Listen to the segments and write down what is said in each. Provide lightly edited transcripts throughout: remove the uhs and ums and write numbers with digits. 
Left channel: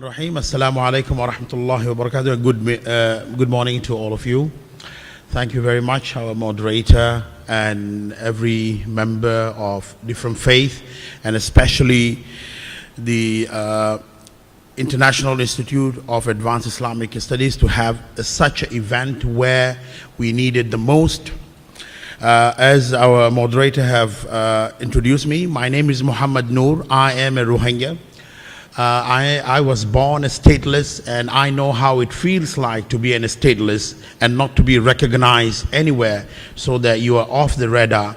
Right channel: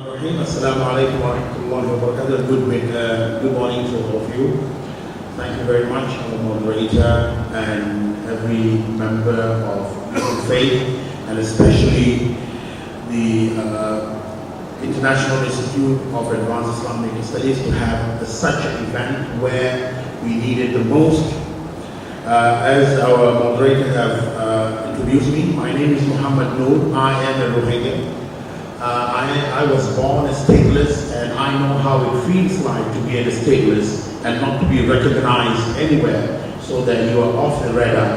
Rahim. Assalamu alaikum wa rahmatullahi wa barakatuh. Good morning to all of you. Thank you very much, our moderator and every member of different faith, and especially the International Institute of Advanced Islamic Studies to have such an event where we need it the most. As our moderator have introduced me, my name is Mohammad Noor. I am a Rohingya. I was born a stateless, and I know how it feels like to be a stateless and not to be recognized anywhere, so that you are off the radar.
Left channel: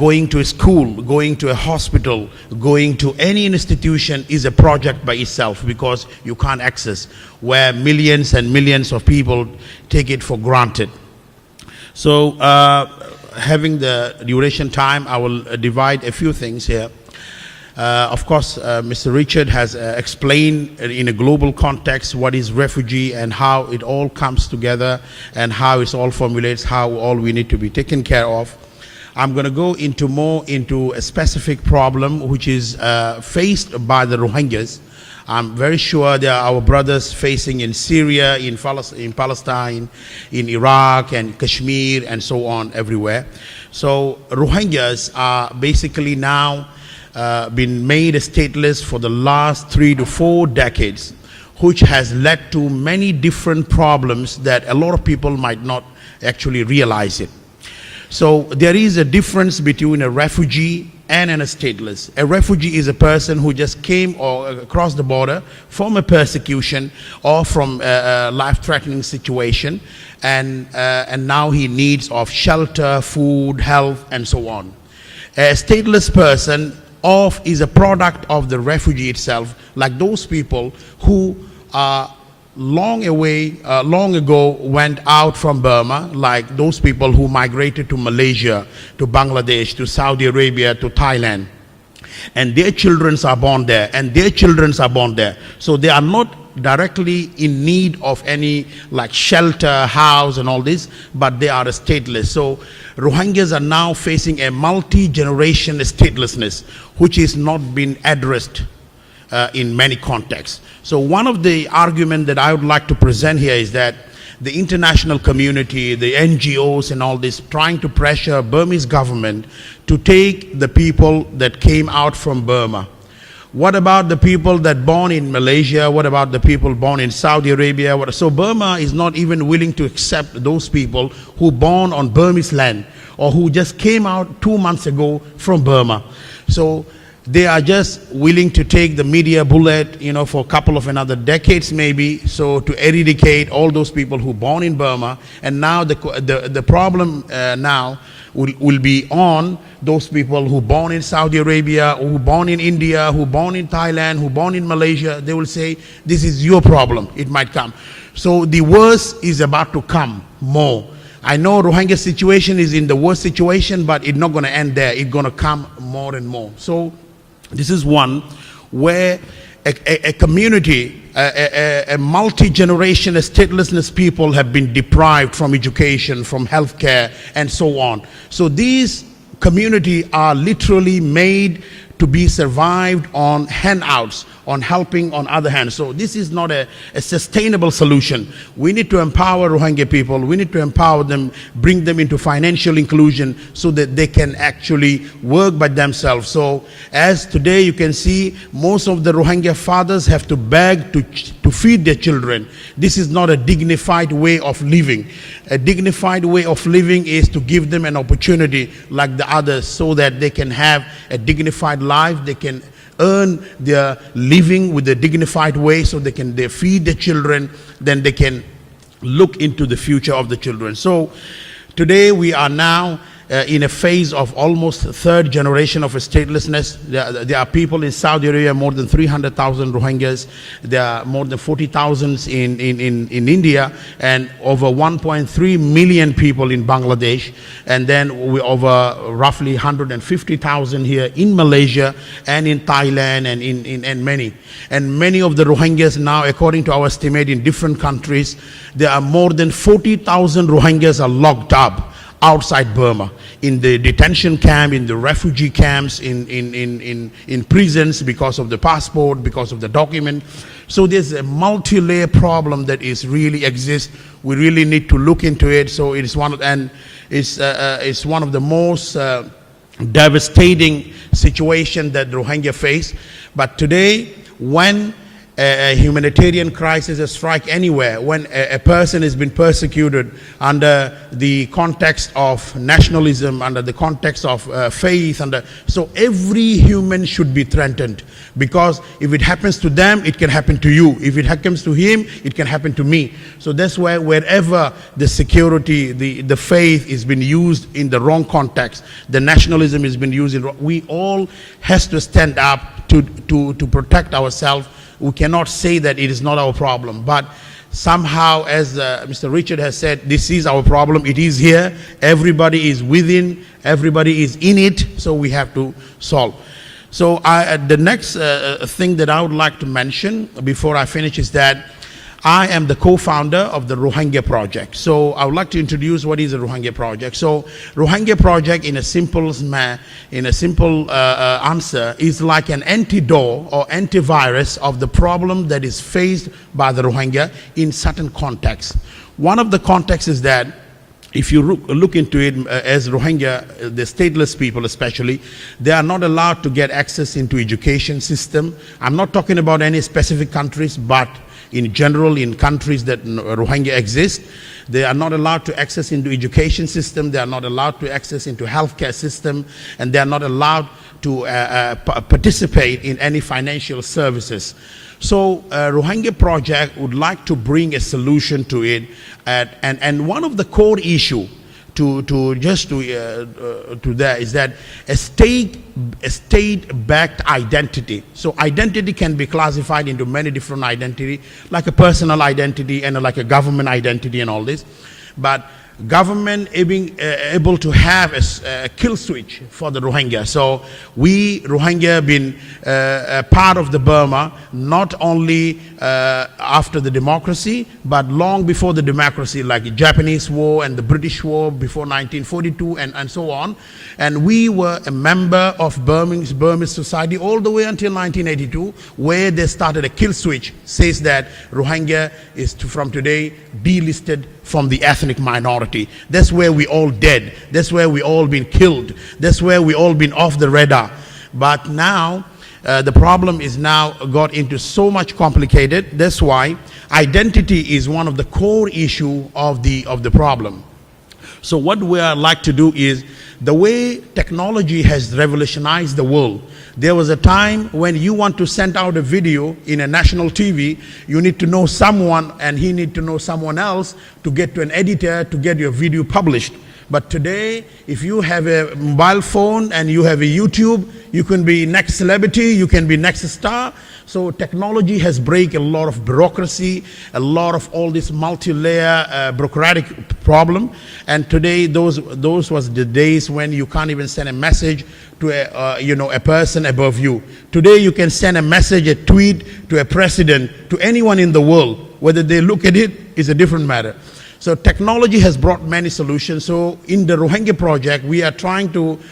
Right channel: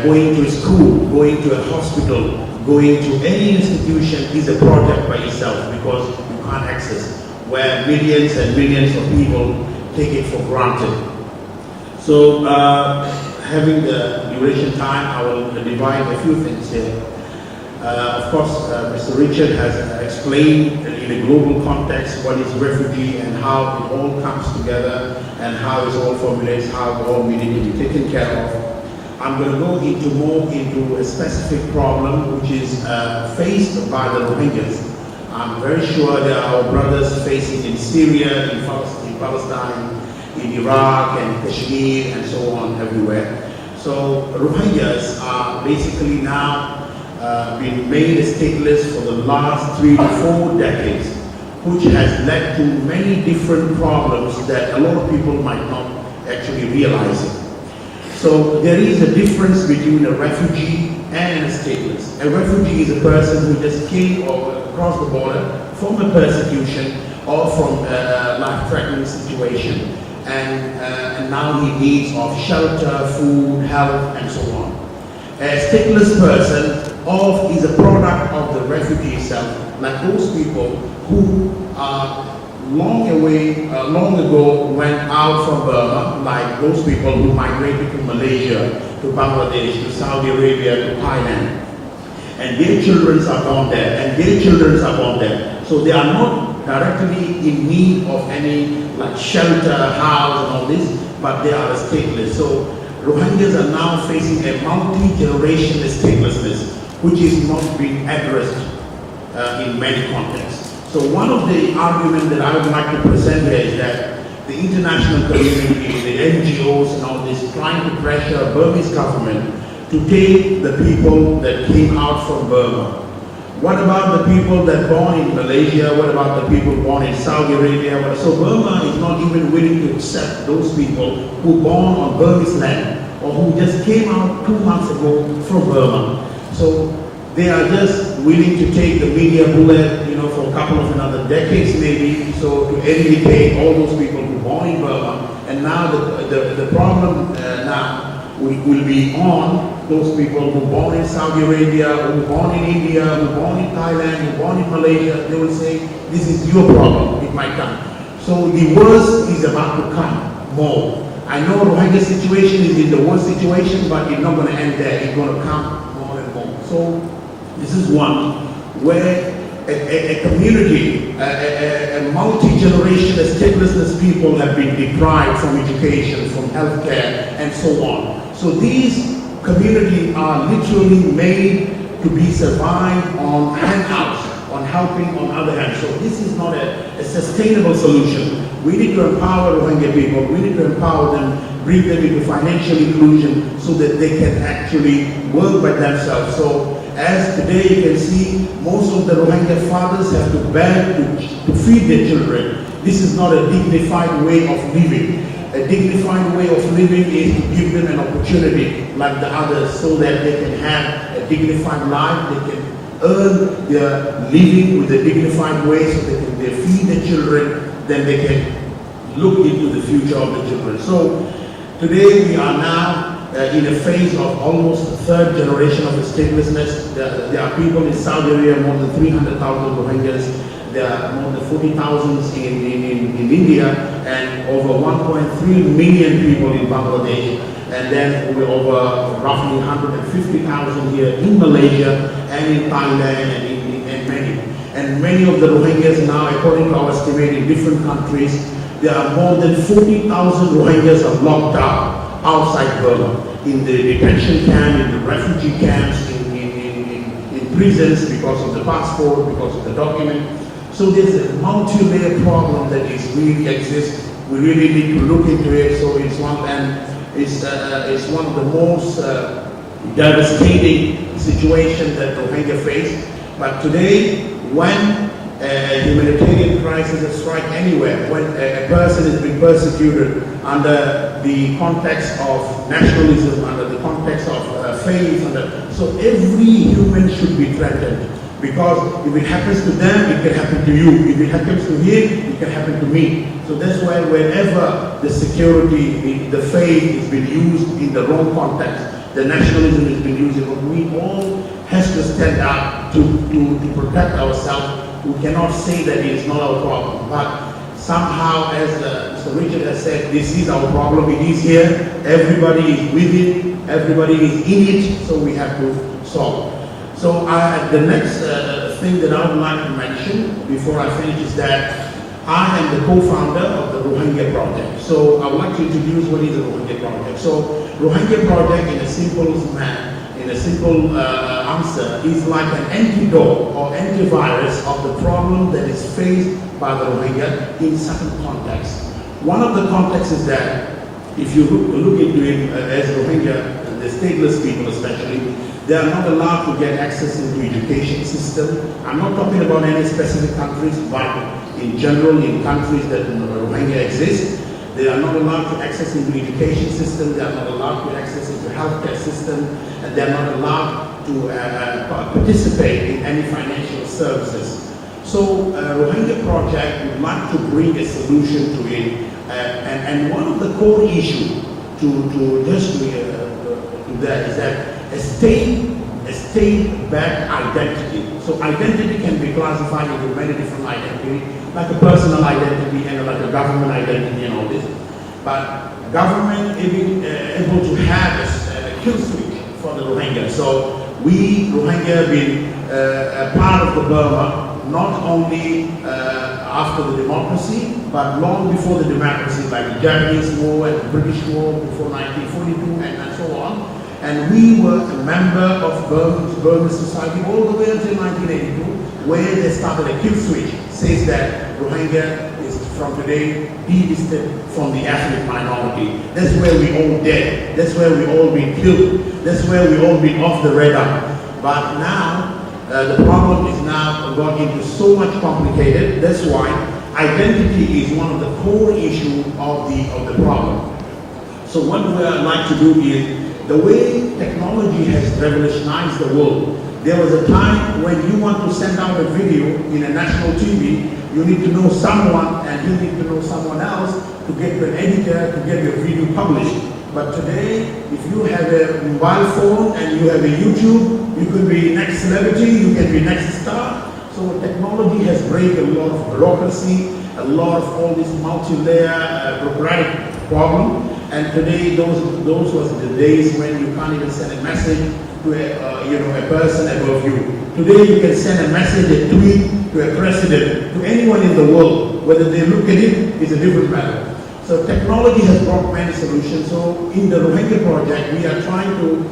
Going to a school, going to a hospital, going to any institution is a project by itself, because you can't access, where millions and millions of people take it for granted. So having the duration time, I will divide a few things here. Of course, Mr. Richard has explained in a global context what is refugee and how it all comes together and how it all formulates how all we need to be taken care of. I'm going to go into a specific problem which is faced by the Rohingyas. I'm very sure there are our brothers facing in Syria, in Palestine, in Iraq and Kashmir and so on everywhere. So Rohingyas are basically now been made stateless for the last 3 to 4 decades, which has led to many different problems that a lot of people might not actually realize it. So there is a difference between a refugee and a stateless. A refugee is a person who just came or across the border from a persecution or from a life-threatening situation, and now he needs of shelter, food, health, and so on. A stateless person is a product of the refugee itself, like those people who long ago went out from Burma, like those people who migrated to Malaysia, to Bangladesh, to Saudi Arabia, to Thailand, and their children are born there, and their children are born there. So they are not directly in need of any like shelter, house and all this, but they are stateless. So Rohingyas are now facing a multi-generation statelessness, which is not being addressed in many contexts. So one of the arguments that I would like to present here is that the international community, the NGOs and all this, trying to pressure Burmese government to take the people that came out from Burma. What about the people that born in Malaysia? What about the people born in Saudi Arabia? So Burma is not even willing to accept those people who born on Burmese land or who just came out 2 months ago from Burma. So they are just willing to take the media bullet, for a couple of another decades maybe, so to eradicate all those people who born in Burma. And now the problem now will be on those people who born in Saudi Arabia, who born in India, who born in Thailand, who born in Malaysia. They will say, this is your problem, it might come. So the worst is about to come more. I know Rohingya situation is in the worst situation, but it's not going to end there. It's going to come more and more. So this is one where a community, a multi-generation statelessness people have been deprived from education, from healthcare, and so on. So these communities are literally made to be survived on handouts, on helping on other hands. So this is not a sustainable solution. We need to empower Rohingya people. We need to empower them, bring them into financial inclusion so that they can actually work by themselves. So as today you can see, most of the Rohingya fathers have to beg to feed their children. This is not a dignified way of living. A dignified way of living is to give them an opportunity like the others, so that they can have a dignified life, they can earn their living with a dignified way, so they feed their children, then they can look into the future of the children. So today we are now in a phase of almost third generation of statelessness. There are people in Saudi Arabia, more than 300,000 Rohingyas. There are more than 40,000 in India, and over 1.3 million people in Bangladesh. And then we over roughly 150,000 here in Malaysia and in Thailand and in many. And many of the Rohingyas now, according to our estimate in different countries, there are more than 40,000 Rohingyas are locked up outside Burma, in the detention camp, in the refugee camps, in prisons because of the passport, because of the document. So there's a multi-layer problem that is really exists. We really need to look into it. So it's one of the most devastating situation that Rohingya face. But today, when a humanitarian crisis has struck anywhere, when a person has been persecuted under the context of nationalism, under the context of faith, so every human should be threatened. Because if it happens to them, it can happen to you. If it happens to him, it can happen to me. So that's why wherever the security, the faith is been used in the wrong context, the nationalism has been used in wrong, we all has to stand up to protect ourselves. We cannot say that it is not our problem. But somehow, as Mr. Richard has said, this is our problem. It is here. Everybody is with it. Everybody is in it. So we have to solve. So the next thing that I would like to mention before I finish is that I am the co-founder of the Rohingya project. So I would like to introduce what is the Rohingya project. So Rohingya project in a simple answer is like an antidote or antivirus of the problem that is faced by the Rohingya in certain contexts. One of the contexts is that if you look into it as Rohingya, the stateless people especially, they are not allowed to get access into education system. I'm not talking about any specific countries, but in general in countries that Rohingya exist, they are not allowed to access into education system, they are not allowed to access into healthcare system, and they are not allowed to participate in any financial services. So Rohingya project would like to bring a solution to it, and one of the core issue to that is that a state-backed identity. So identity can be classified into many different identity, like a personal identity and like a government identity and all this. But government able to have a kill switch for the Rohingya. So we Rohingya have been a part of the Burma, not only after the democracy, but long before the democracy, like the Japanese War and the British War before 1942 and so on. And we were a member of Burmese society all the way until 1982, where they started a kill switch, says that Rohingya is from today delisted from the ethnic minority. That's where we all dead. That's where we all been killed. That's where we all been off the radar. But now, the problem is now got into so much complicated. That's why identity is one of the core issue of the problem. So what we like to do is, the way technology has revolutionized the world. There was a time when you want to send out a video in a national TV, you need to know someone and he need to know someone else to get to an editor to get your video published. But today, if you have a mobile phone and you have a YouTube, you can be next celebrity, you can be next star. So technology has break a lot of bureaucracy, a lot of all this multi-layer bureaucratic problem. And today, those was the days when you can't even send a message to a person above you. Today, you can send a message, a tweet to a president, to anyone in the world. Whether they look at it is a different matter. So technology has brought many solutions. So in the Rohingya project, we are trying to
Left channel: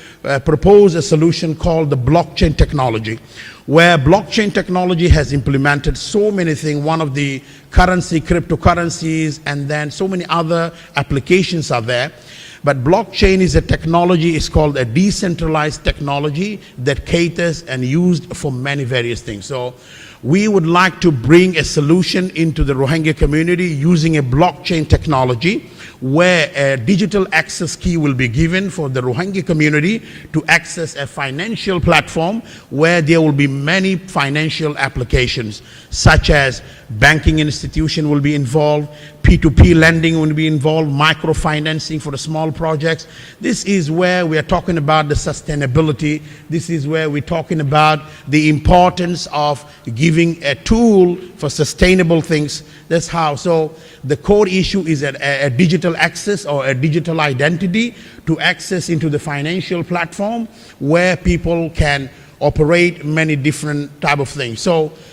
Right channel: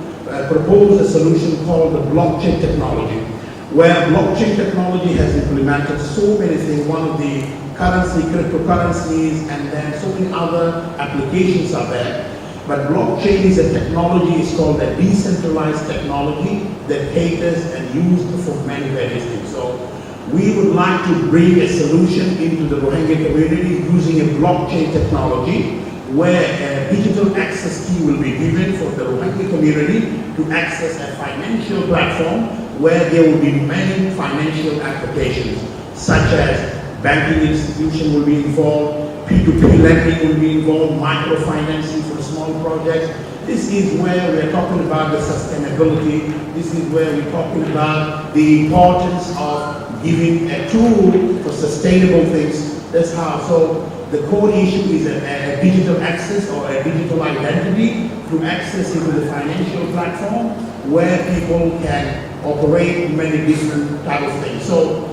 propose a solution called the blockchain technology, where blockchain technology has implemented so many things. One of the cryptocurrencies, and then so many other applications are there. But blockchain is a technology, it's called a decentralized technology that caters and used for many various things. So we would like to bring a solution into the Rohingya community using a blockchain technology, where a digital access key will be given for the Rohingya community to access a financial platform where there will be many financial applications, such as banking institution will be involved, P2P lending will be involved, microfinancing for small projects. This is where we are talking about the sustainability. This is where we're talking about the importance of giving a tool for sustainable things. That's how. So the core issue is a digital access or a digital identity to access into the financial platform where people can operate many different type of things. So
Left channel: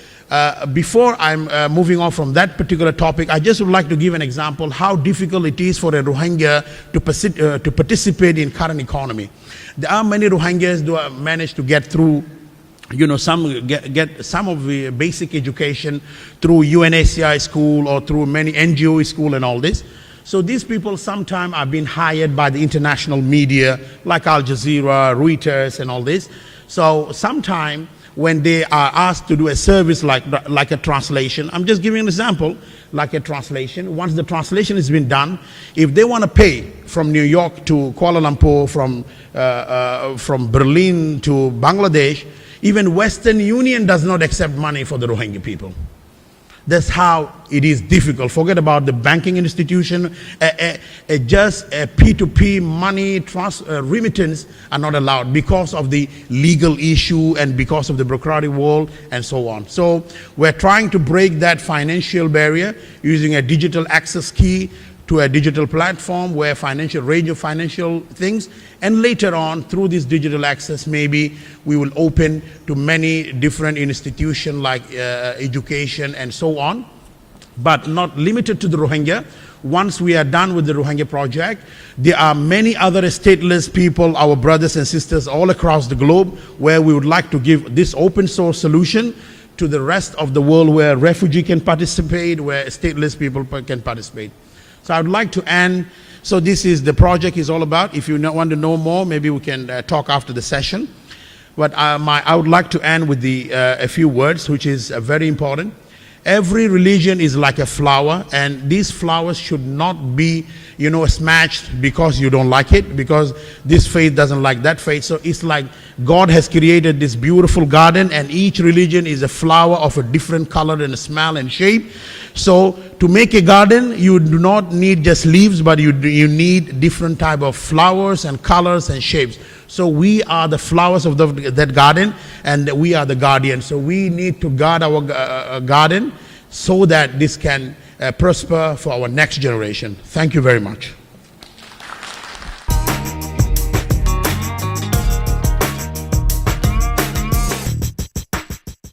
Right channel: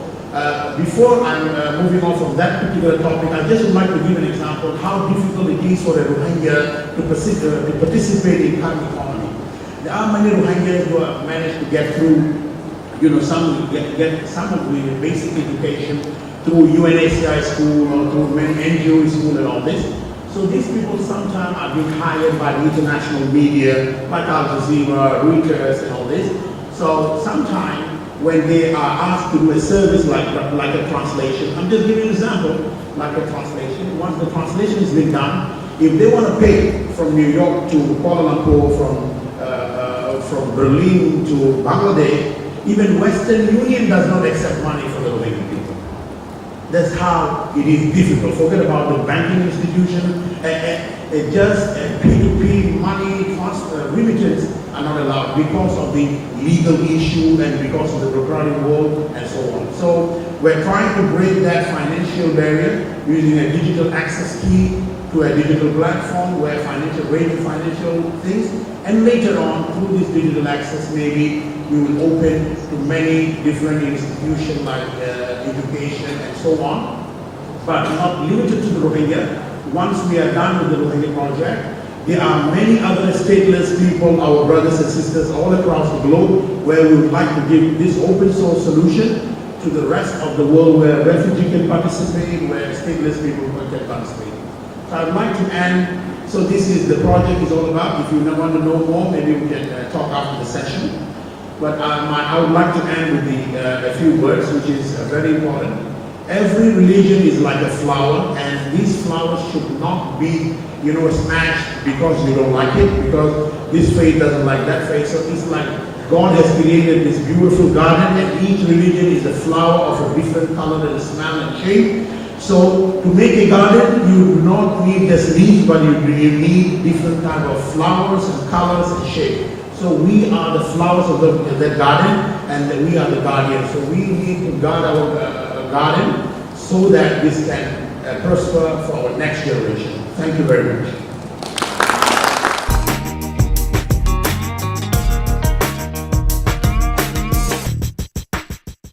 before I'm moving on from that particular topic, I just would like to give an example how difficult it is for a Rohingya to participate in current economy. There are many Rohingyas who have managed to get through, some get some of the basic education, through UNHCR school or through many NGO school and all this. So these people sometimes are being hired by the international media like Al Jazeera, Reuters and all this. So sometimes when they are asked to do a service like a translation, I'm just giving an example, like a translation, once the translation has been done, if they want to pay from New York to Kuala Lumpur, from Berlin to Bangladesh, even Western Union does not accept money for the Rohingya people. That's how it is difficult. Forget about the banking institution. Just a P2P money remittance are not allowed because of the legal issue and because of the bureaucratic wall and so on. So we're trying to break that financial barrier using a digital access key to a digital platform where range of financial things, and later on through this digital access maybe we will open to many different institutions like education and so on, but not limited to the Rohingya. Once we are done with the Rohingya project, there are many other stateless people, our brothers and sisters all across the globe, where we would like to give this open source solution to the rest of the world where refugee can participate, where stateless people can participate. So I'd like to end, so this is the project is all about. If you want to know more, maybe we can talk after the session. But I would like to end with a few words, which is very important. Every religion is like a flower, and these flowers should not be, smashed because you don't like it, because this faith doesn't like that faith. So it's like God has created this beautiful garden, and each religion is a flower of a different color and smell and shape. So to make a garden, you do not need just leaves, but you need different type of flowers and colors and shapes. So we are the flowers of that garden, and we are the guardians. So we need to guard our garden so that this can prosper for our next generation. Thank you very much.